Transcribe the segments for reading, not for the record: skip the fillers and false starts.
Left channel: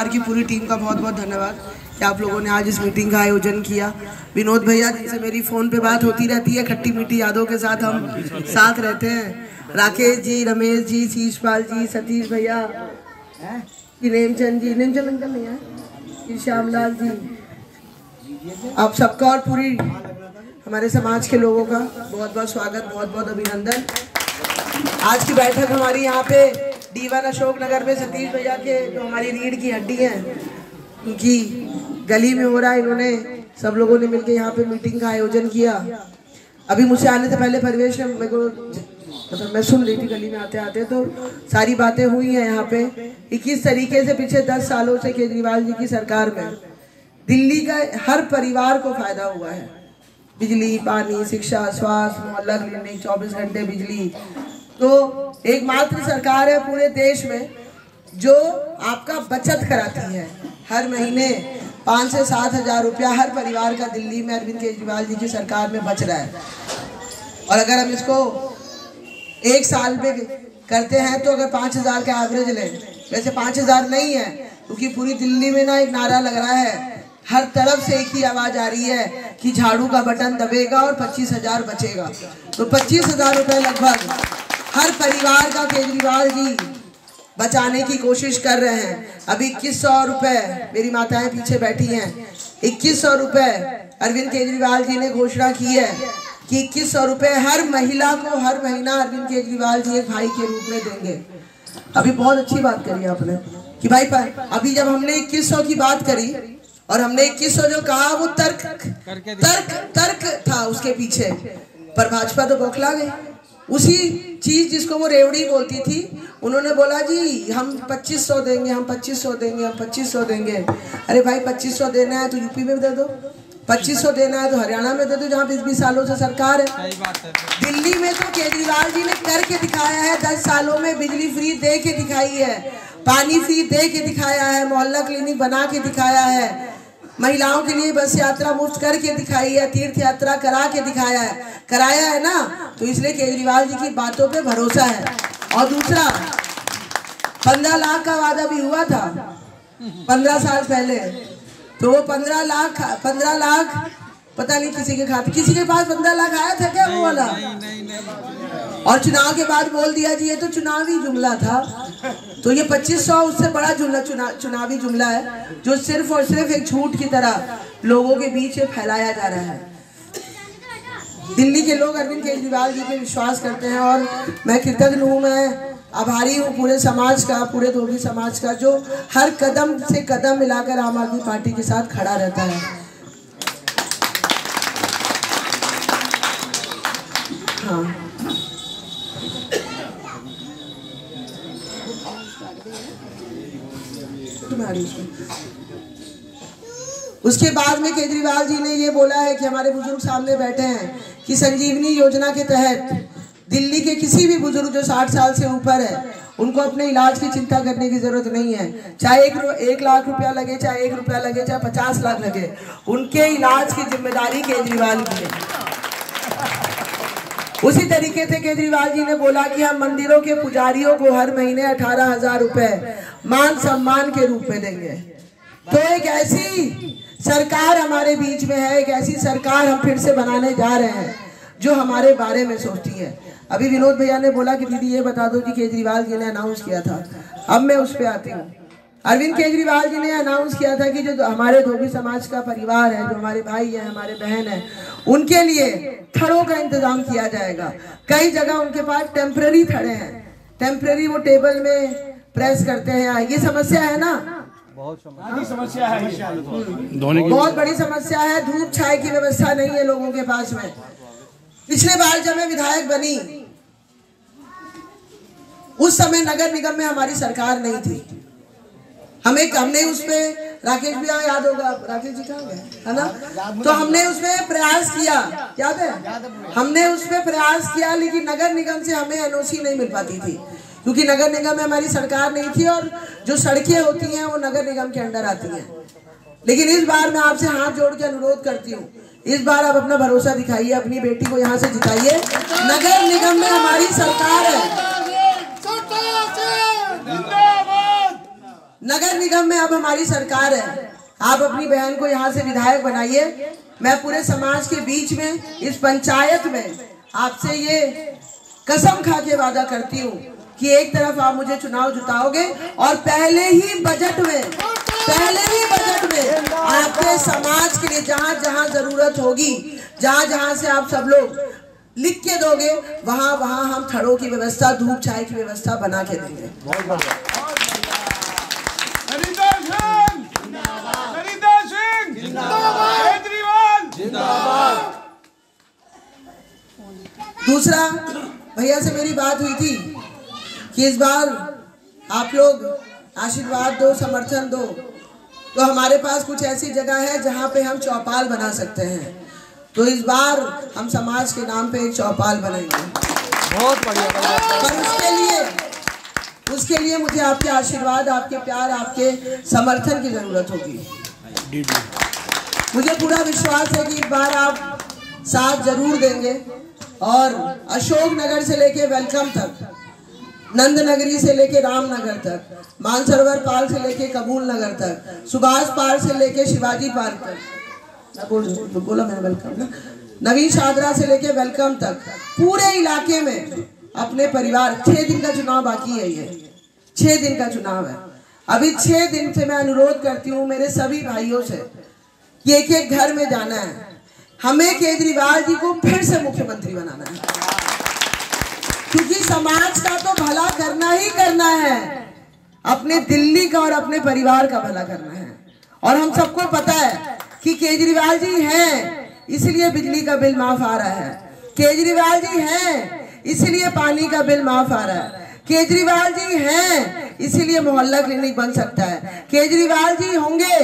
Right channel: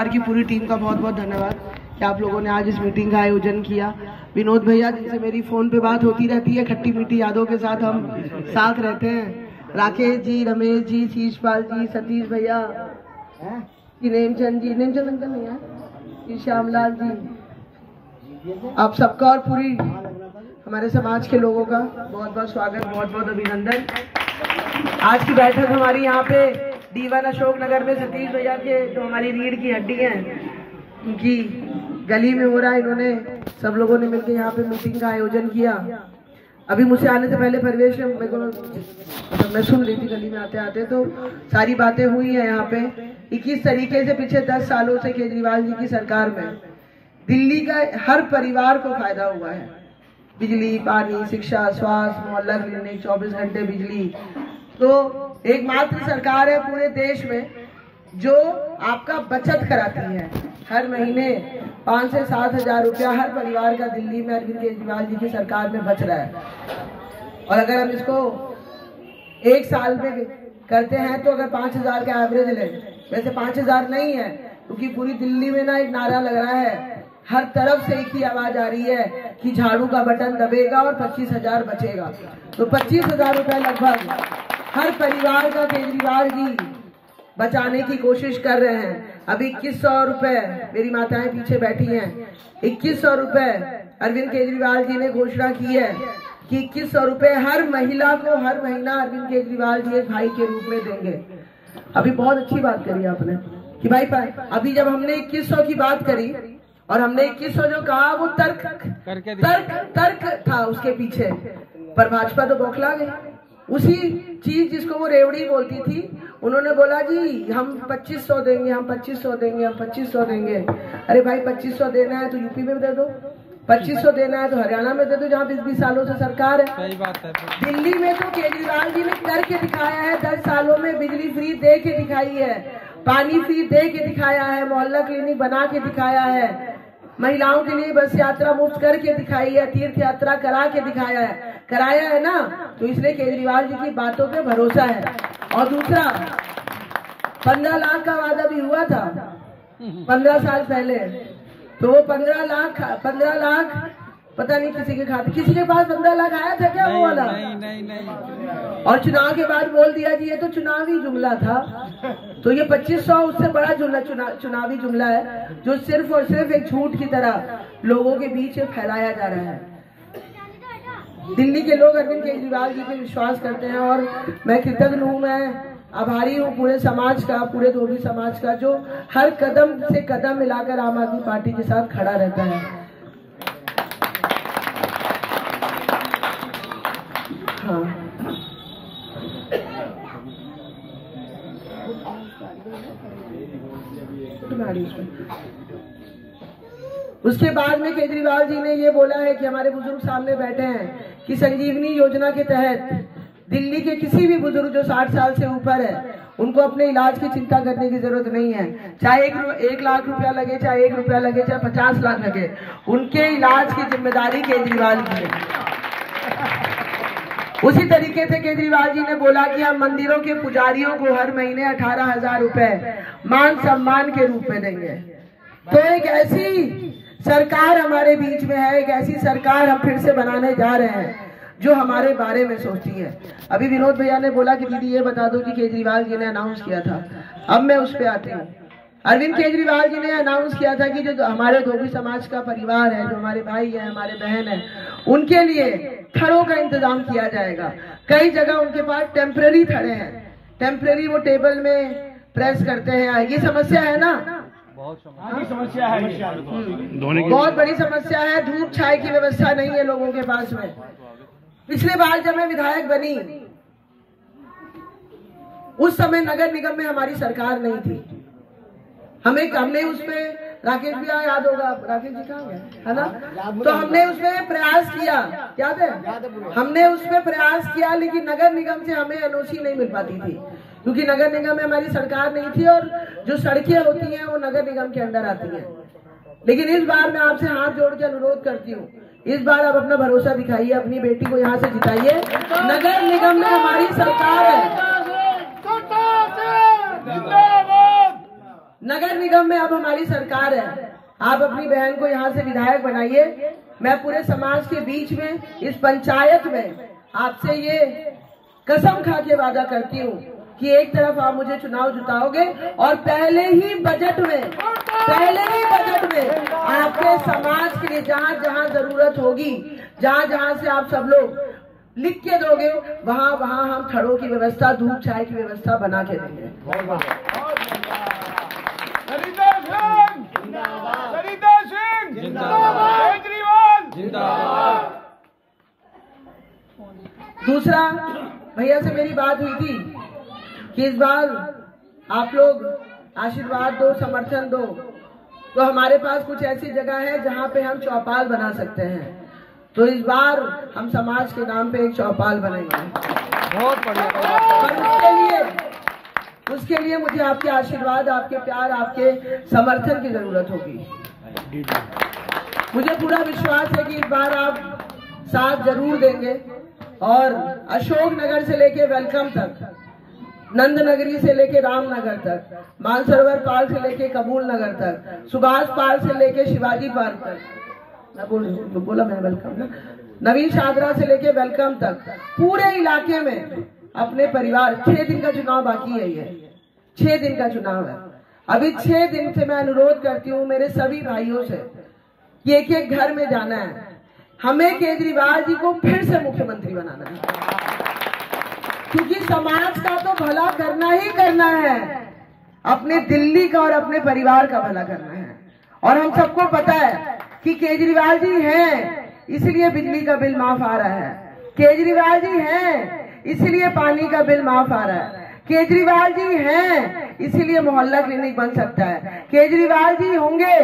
की पूरी टीम का बहुत बहुत धन्यवाद कि आप लोगों ने आज इस मीटिंग का आयोजन किया। विनोद भैया जिनसे मेरी फ़ोन पे बात होती रहती है, खट्टी मीठी यादों के साथ हम साथ रहते हैं। राकेश जी, रमेश जी, शीशपाल जी, सतीश भैया, नेमचंद अंकल नहीं है, श्यामलाल जी, आप सबका और पूरी हमारे समाज के लोगों का बहुत बहुत स्वागत, बहुत बहुत अभिनंदन। आज की बैठक हमारी यहाँ पे D1 अशोक नगर में सतीश भैया के जो हमारी रीढ़ की हड्डी हैं उनकी गली में हो रहा है। इन्होंने सब लोगों ने मिलकर यहाँ पे मीटिंग का आयोजन किया। अभी मुझसे आने से पहले परिवेश में मेरे को मैं सुन रही थी गली में आते आते, तो सारी बातें हुई हैं यहाँ पे कि किस तरीके से पिछले 10 सालों से केजरीवाल जी की सरकार में दिल्ली का हर परिवार को फायदा हुआ है। बिजली, पानी, शिक्षा, स्वास्थ्य, मोहल्ला क्लिनिक, 24 घंटे बिजली। तो एकमात्र सरकार है पूरे देश में जो आपका बचत कराती है। हर महीने 5 से 7 हजार रुपया हर परिवार का दिल्ली में अरविंद केजरीवाल जी की सरकार में बच रहा है। और अगर हम इसको एक साल में करते हैं तो अगर 5 हजार का एवरेज लें, वैसे 5 हजार नहीं है क्योंकि पूरी दिल्ली में ना एक नारा लग रहा है, हर तरफ से एक ही आवाज आ रही है कि झाड़ू का बटन दबेगा और 25 हजार बचेगा। तो 25 हजार रुपये लगभग हर परिवार का केजरीवाल जी बचाने की कोशिश कर रहे हैं। अभी 2100 रुपये, मेरी माताएं पीछे बैठी हैं, 2100 रुपये अरविंद केजरीवाल जी ने घोषणा की है कि 2100 रुपये हर महिला को हर महीना अरविंद केजरीवाल जी एक भाई के रूप में देंगे। अभी बहुत अच्छी बात करी आपने कि भाई अभी जब हमने 2100 की बात करी और हमने 2100 जो कहा वो तर्क था उसके पीछे, पर भाजपा तो बौखला गई। उसी चीज जिसको वो रेवड़ी बोलती थी, उन्होंने बोला जी हम 2500 देंगे, हम 2500 देंगे, हम 2500 देंगे। अरे भाई 2500 देना है तो यूपी में दे दो, 2500 देना है तो हरियाणा में दे दो जहाँ 20-20 सालों से सरकार है। सही बात है। दिल्ली में तो केजरीवाल जी ने करके दिखाया है, 10 सालों में बिजली फ्री दे के दिखाई है, पानी फ्री दे के दिखाया है, मोहल्ला क्लिनिक बना के दिखाया है, महिलाओं के लिए बस यात्रा मुफ्त करके दिखाई है, तीर्थ यात्रा कराया है ना। तो इसलिए केजरीवाल जी की बातों पे भरोसा है। और दूसरा 15 लाख का वादा भी हुआ था 15 साल पहले, तो वो 15 लाख पता नहीं किसी के पास 15 लाख आया था क्या वो वाला? और चुनाव के बाद बोल दिया जी ये तो चुनावी जुमला था। तो ये 2500 उससे बड़ा चुनावी जुमला है जो सिर्फ और सिर्फ एक झूठ की तरह लोगों के बीच फैलाया जा रहा है। दिल्ली के लोग अरविंद केजरीवाल जी पे विश्वास करते हैं और मैं कृतज्ञ हूँ, मैं आभारी हूँ पूरे समाज का, पूरे धोबी समाज का, जो हर कदम से कदम मिलाकर आम आदमी पार्टी के साथ खड़ा रहता है। हाँ। उसके बाद में केजरीवाल जी ने ये बोला है कि हमारे बुजुर्ग सामने बैठे हैं कि संजीवनी योजना के तहत दिल्ली के किसी भी बुजुर्ग जो 60 साल से ऊपर है उनको अपने इलाज की चिंता करने की जरूरत नहीं है। चाहे 1 लाख रुपया लगे, चाहे 1 रुपया लगे, चाहे 50 लाख लगे, उनके इलाज की जिम्मेदारी केजरीवाल की है। उसी तरीके से केजरीवाल जी ने बोला कि हम मंदिरों के पुजारियों को हर महीने 18,000 रुपए मान सम्मान के रूप में देंगे। तो एक ऐसी सरकार हमारे बीच में है, एक ऐसी सरकार हम फिर से बनाने जा रहे हैं जो हमारे बारे में सोचती है। अभी विनोद भैया ने बोला कि दीदी ये बता दो कि केजरीवाल जी ने अनाउंस किया था, अब मैं उस पर आती हूँ। अरविंद केजरीवाल जी ने अनाउंस किया था कि जो हमारे धोबी समाज का परिवार है, जो हमारे भाई है, हमारे बहन है, उनके लिए थड़ों का इंतजाम किया जाएगा। कई जगह उनके पास टेम्पररी थड़े हैं, टेम्पररी वो टेबल में प्रेस करते हैं। ये समस्या है ना, बहुत समस्या है, बहुत बड़ी समस्या है। धूप छाए की व्यवस्था नहीं है लोगों के पास में। पिछले बार जब मैं विधायक बनी उस समय नगर निगम में हमारी सरकार नहीं थी। हमने उसमें राकेश भैया याद होगा, राकेश जी कहाँ गए, है ना? तो हमने उसमें प्रयास किया, याद है? हमने उसमें प्रयास किया, लेकिन नगर निगम से हमें एनओसी नहीं मिल पाती थी क्योंकि नगर निगम में हमारी सरकार नहीं थी और जो सड़कें होती हैं वो नगर निगम के अंडर आती हैं। लेकिन इस बार मैं आपसे हाथ जोड़ के अनुरोध करती हूँ, इस बार आप अपना भरोसा दिखाइए, अपनी बेटी को यहाँ से जिताइए। नगर निगम में हमारी सरकार है, नगर निगम में अब हमारी सरकार है, आप अपनी बहन को यहाँ से विधायक बनाइए। मैं पूरे समाज के बीच में इस पंचायत में आपसे ये कसम खा के वादा करती हूँ कि एक तरफ आप मुझे चुनाव जिताओगे और पहले ही बजट में आपके समाज के लिए जहाँ जहाँ जरूरत होगी, जहाँ जहाँ से आप सब लोग लिख के दोगे, वहाँ वहाँ हम थड़ों की व्यवस्था, धूप छाए की व्यवस्था बना के देंगे। दूसरा, भैया से मेरी बात हुई थी कि इस बार आप लोग आशीर्वाद दो, समर्थन दो, तो हमारे पास कुछ ऐसी जगह है जहां पे हम चौपाल बना सकते हैं। तो इस बार हम समाज के नाम पे एक चौपाल बनाएंगे। पर उसके लिए मुझे आपके आशीर्वाद, आपके प्यार, आपके समर्थन की जरूरत होगी। मुझे पूरा विश्वास है कि इस बार आप साथ जरूर देंगे और अशोक नगर से लेके वेलकम तक, नंद नगरी से लेके रामनगर तक, मानसरोवर पार्क से लेके कबूल नगर तक, सुभाष पार्क से लेके शिवाजी पार्क तक, बोला मैंने वेलकम ना, नवीन शादरा से लेके वेलकम तक, पूरे इलाके में अपने परिवार, 6 दिन का चुनाव बाकी है, ये 6 दिन का चुनाव है। अभी 6 दिन से मैं अनुरोध करती हूँ मेरे सभी भाइयों से कि एक एक घर में जाना है, हमें केजरीवाल जी को फिर से मुख्यमंत्री बनाना है, क्योंकि समाज का तो भला करना ही करना है, अपने दिल्ली का और अपने परिवार का भला करना है। और हम सबको पता है कि केजरीवाल जी हैं इसलिए बिजली का बिल माफ आ रहा है, केजरीवाल जी हैं इसलिए पानी का बिल माफ आ रहा है, केजरीवाल जी हैं इसलिए मोहल्ला क्लिनिक बन सकता है, केजरीवाल जी होंगे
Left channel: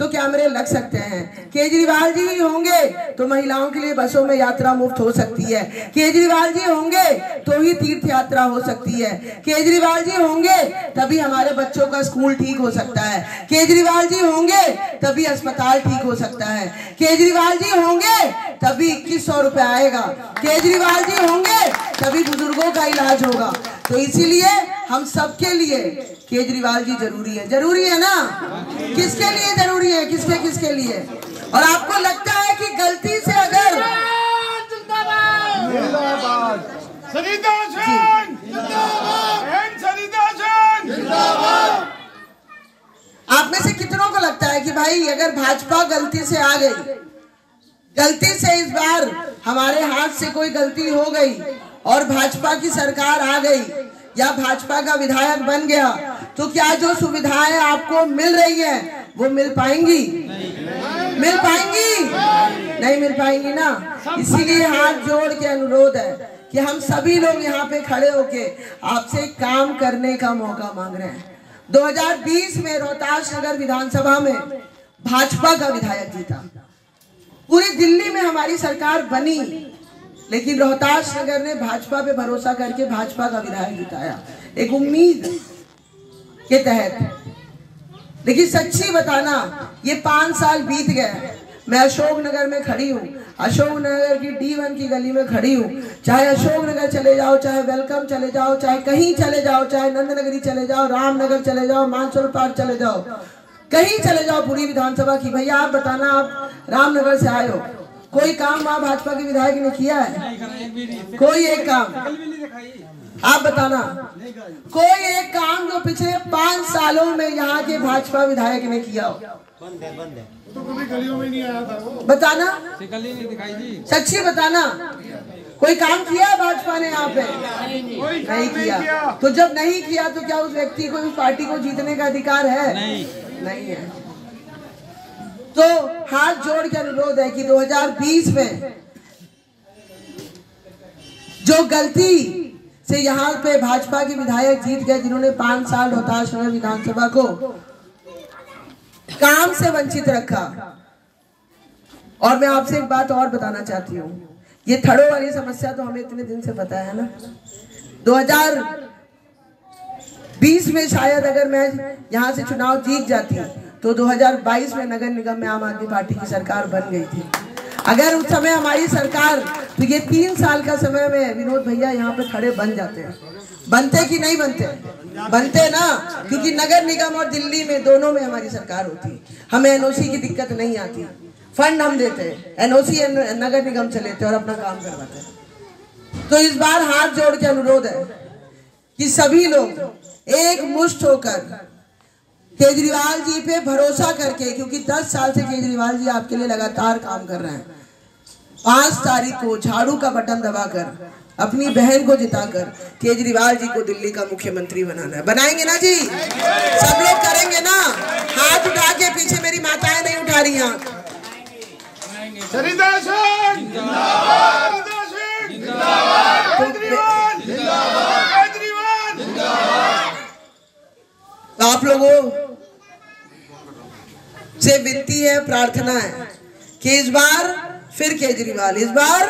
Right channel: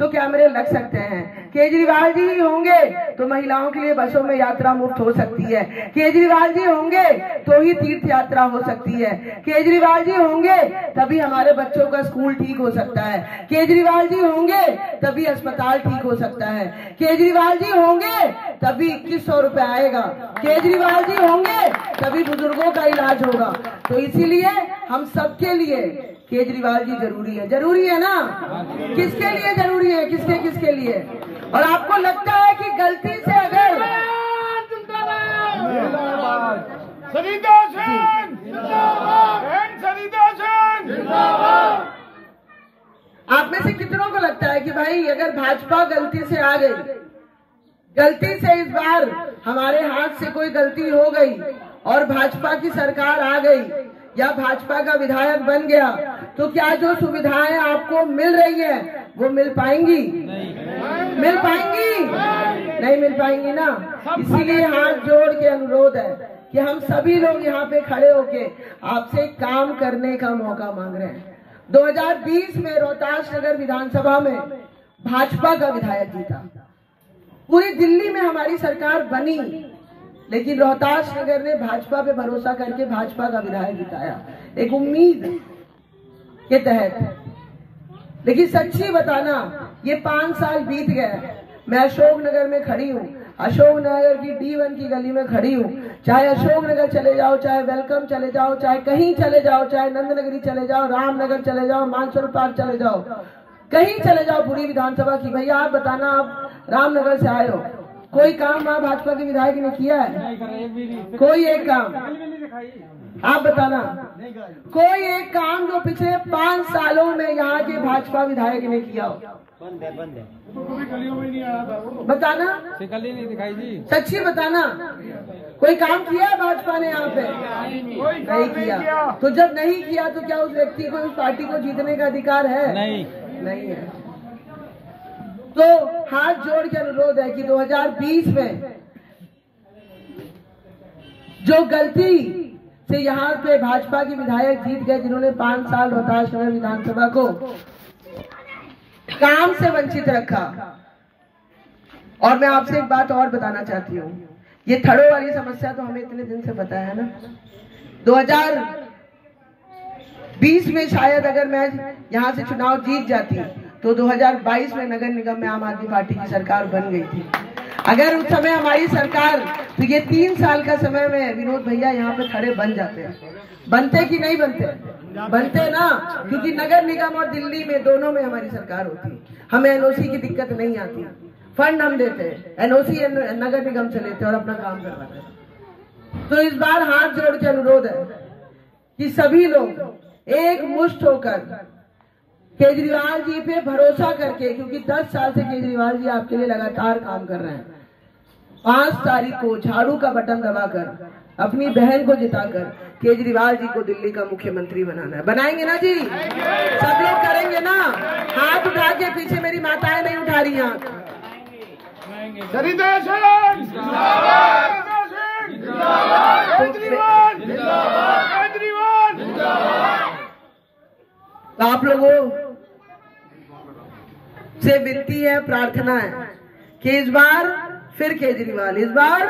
तो कैमरे लग सकते हैं, केजरीवाल जी होंगे तो महिलाओं के लिए बसों में यात्रा मुफ्त हो सकती है, केजरीवाल जी होंगे तो ही तीर्थ यात्रा हो सकती है, केजरीवाल जी होंगे तभी हमारे बच्चों का स्कूल ठीक हो सकता है, केजरीवाल जी होंगे तभी अस्पताल ठीक हो सकता है, केजरीवाल जी होंगे तभी 2100 रुपए आएगा, केजरीवाल जी होंगे तभी बुजुर्गों का इलाज होगा। तो इसीलिए हम सबके लिए केजरीवाल जी जरूरी है ना? किसके लिए जरूरी है, किसके लिए? और आपको लगता है कि गलती से अगर आप में से कितनों को लगता है कि भाई अगर भाजपा गलती से आ गई, गलती से इस बार हमारे हाथ से कोई गलती हो गई और भाजपा की सरकार आ गई या भाजपा का विधायक बन गया, तो क्या जो सुविधाएं आपको मिल रही है वो मिल पाएंगी? मिल पाएंगी? नहीं मिल पाएंगी ना। इसीलिए हाथ जोड़ के अनुरोध है कि हम सभी लोग यहाँ पे खड़े होके आपसे काम करने का मौका मांग रहे हैं। 2020 में रोहतास नगर विधानसभा में भाजपा का विधायक जीता, पूरी दिल्ली में हमारी सरकार बनी, लेकिन रोहतास नगर ने भाजपा पे भरोसा करके भाजपा का विधायक जिताया, एक उम्मीद के तहत। लेकिन सच्ची बताना, ये 5 साल बीत गए, मैं अशोक नगर में खड़ी हूँ, अशोक नगर की D1 की गली में खड़ी हूँ, चाहे अशोक नगर चले जाओ, चाहे वेलकम चले जाओ, चाहे कहीं चले जाओ, चाहे नंद नगरी चले जाओ, रामनगर चले जाओ, मानसरोवर पार्क चले जाओ, कहीं चले जाओ पूरी विधानसभा की। भैया आप बताना, आप रामनगर से आए हो, कोई काम वहाँ भाजपा के विधायक ने किया है? कोई एक काम आप बताना, कोई एक काम जो पिछले 5 सालों में यहाँ के भाजपा विधायक ने किया हो? बंद है। तो कभी गलियों में नहीं आया था वो? बताना, गली नहीं दिखाई दी, सच्ची बताना, कोई काम किया भाजपा ने यहाँ पे? नहीं किया। तो जब नहीं किया तो क्या उस व्यक्ति को, उस पार्टी को जीतने का अधिकार है? नहीं है। तो हाथ जोड़ के अनुरोध है कि 2020 में जो गलती से यहाँ पे भाजपा के विधायक जीत गए, जिन्होंने 5 साल रोहतास नगर विधानसभा को काम से वंचित रखा। और मैं आपसे एक बात और बताना चाहती हूँ, ये थड़ों वाली समस्या तो हमें इतने दिन से पता है ना। 2020 में शायद अगर मैं यहाँ से चुनाव जीत जाती तो 2022 में नगर निगम में आम आदमी पार्टी की सरकार बन गई थी। अगर उस समय हमारी सरकार, तो ये 3 साल का समय में विनोद भैया यहाँ पे खड़े बन जाते हैं। बनते कि नहीं बनते? बनते ना, क्योंकि नगर निगम और दिल्ली में दोनों में हमारी सरकार होती, हमें एनओसी की दिक्कत नहीं आती, फंड हम देते, एनओसी नगर निगम से लेते और अपना काम करवाते। तो इस बार हाथ जोड़ के अनुरोध है कि सभी लोग एक मुश्त होकर केजरीवाल जी पे भरोसा करके, क्योंकि 10 साल से केजरीवाल जी आपके लिए लगातार काम कर रहे हैं, 5 तारीख को झाड़ू का बटन दबाकर अपनी बहन को जिताकर केजरीवाल जी को दिल्ली का मुख्यमंत्री बनाना है। बनाएंगे ना जी? सब लोग करेंगे ना? हाथ उठा के, पीछे मेरी माताएं नहीं उठा रही हैं। आप लोगों से विनती है, प्रार्थना है कि इस बार फिर केजरीवाल, इस बार